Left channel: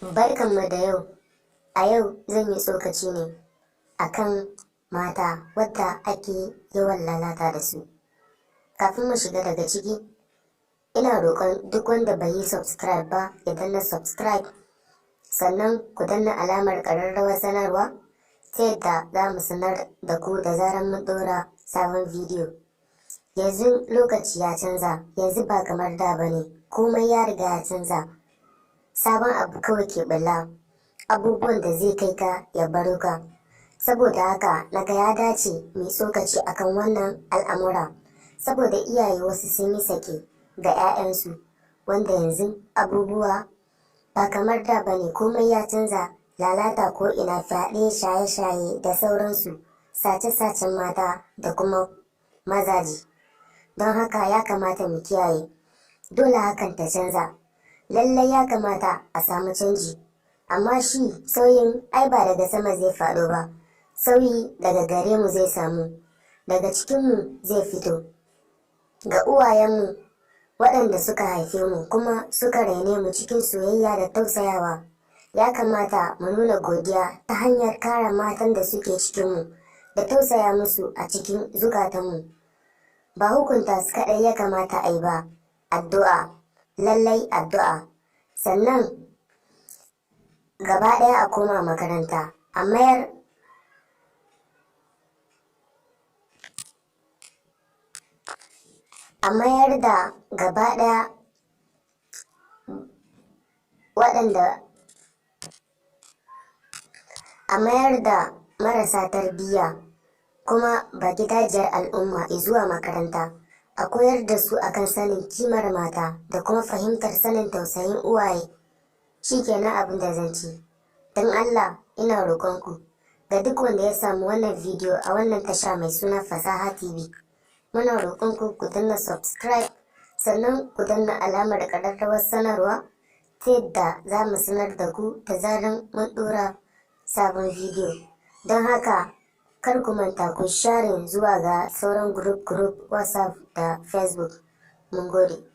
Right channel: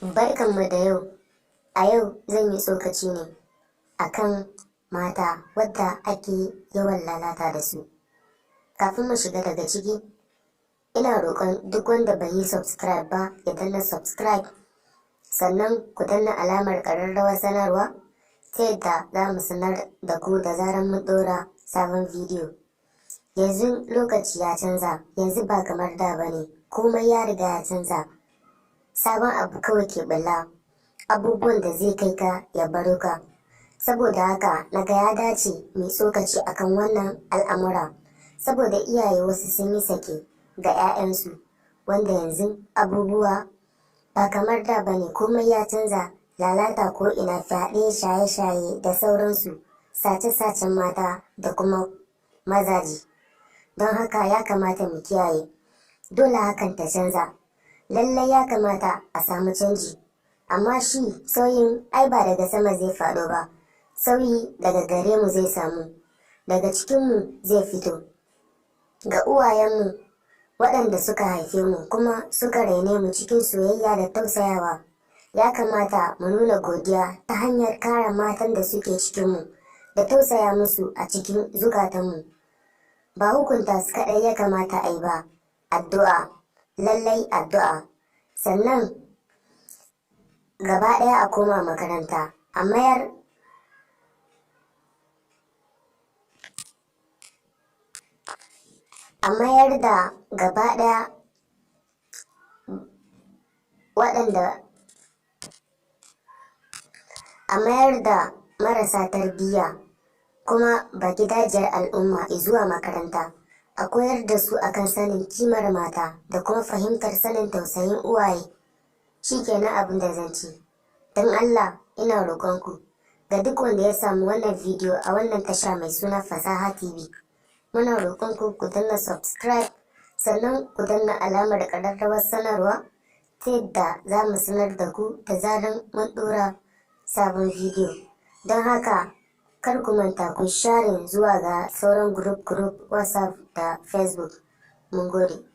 Barkanmu da yau. A yau zan yi tsokaci ne akan mata wadda ake yawan lalata da su. Kafin mu shiga daga ciki, ina roƙon duk wanda bai yi subscribe ba ya danna subscribe, sannan ku danna alamar ƙararrawar sanarwa ta yadda za mu sanar da ku da zarar mun ɗora sabon bidiyo. Yanzu lokaci ya canza, yanzu ba kamar da ba ne, komai ya riga ya canza. Sabon abu kawai ke ɓulla, abubuwan da zai kai ka ya baro ka. Saboda haka naga ya dace mai tsokaci akan wannan al'amura, saboda iyaye wasu sun yi sake ga 'ya'yansu, wanda yanzu abubuwa ba kamar da ba ne, komai ya canza. Lalata ko ina, fyaɗe, shaye-shaye da sauransu, sace-sacen mata da kuma mazaji. Don haka ya kamata mu kiyaye, dole hakan ta canza. Lallai ya kamata a samu canji, amma shi sauyin ai ba daga sama zai faɗo ba, sauyi daga gare mu zai samu, daga cikinmu zai fito. Ga uwayenmu waɗanda suka haife mu kuma suka raine mu cikin soyayya da tausayawa, ya kamata mu nuna godiya ta hanyar kare matan da suke cikinmu da tausaya musu a cikin zukatanmu. Ba hukunta su kaɗai ya kamata a yi ba, addu'a, lallai addu'a. Sannan gaba ɗaya a koma makaranta, a mayar da gaba ɗaya a mayar da marasa tarbiyya kuma bagidajiyar al'umma zuwa makaranta, a koyar da su akan sanin kimar mata da kuma fahimtar sanin tausayin uwaye. Shi kenan abin da zan ce. Don Allah ina roƙonku ga duk wanda ya samu wannan bidiyo a wannan tasha mai suna Fasaha TV, muna roƙonku ku danna subscribe, sannan ku danna alamar ƙararrawar sanarwa ta yadda za mu sanar da ku da zarar mun ɗora sabon bidiyo. Don haka kar ku manta ku sharing zuwa ga sauran group WhatsApp da Facebook. Mun gode.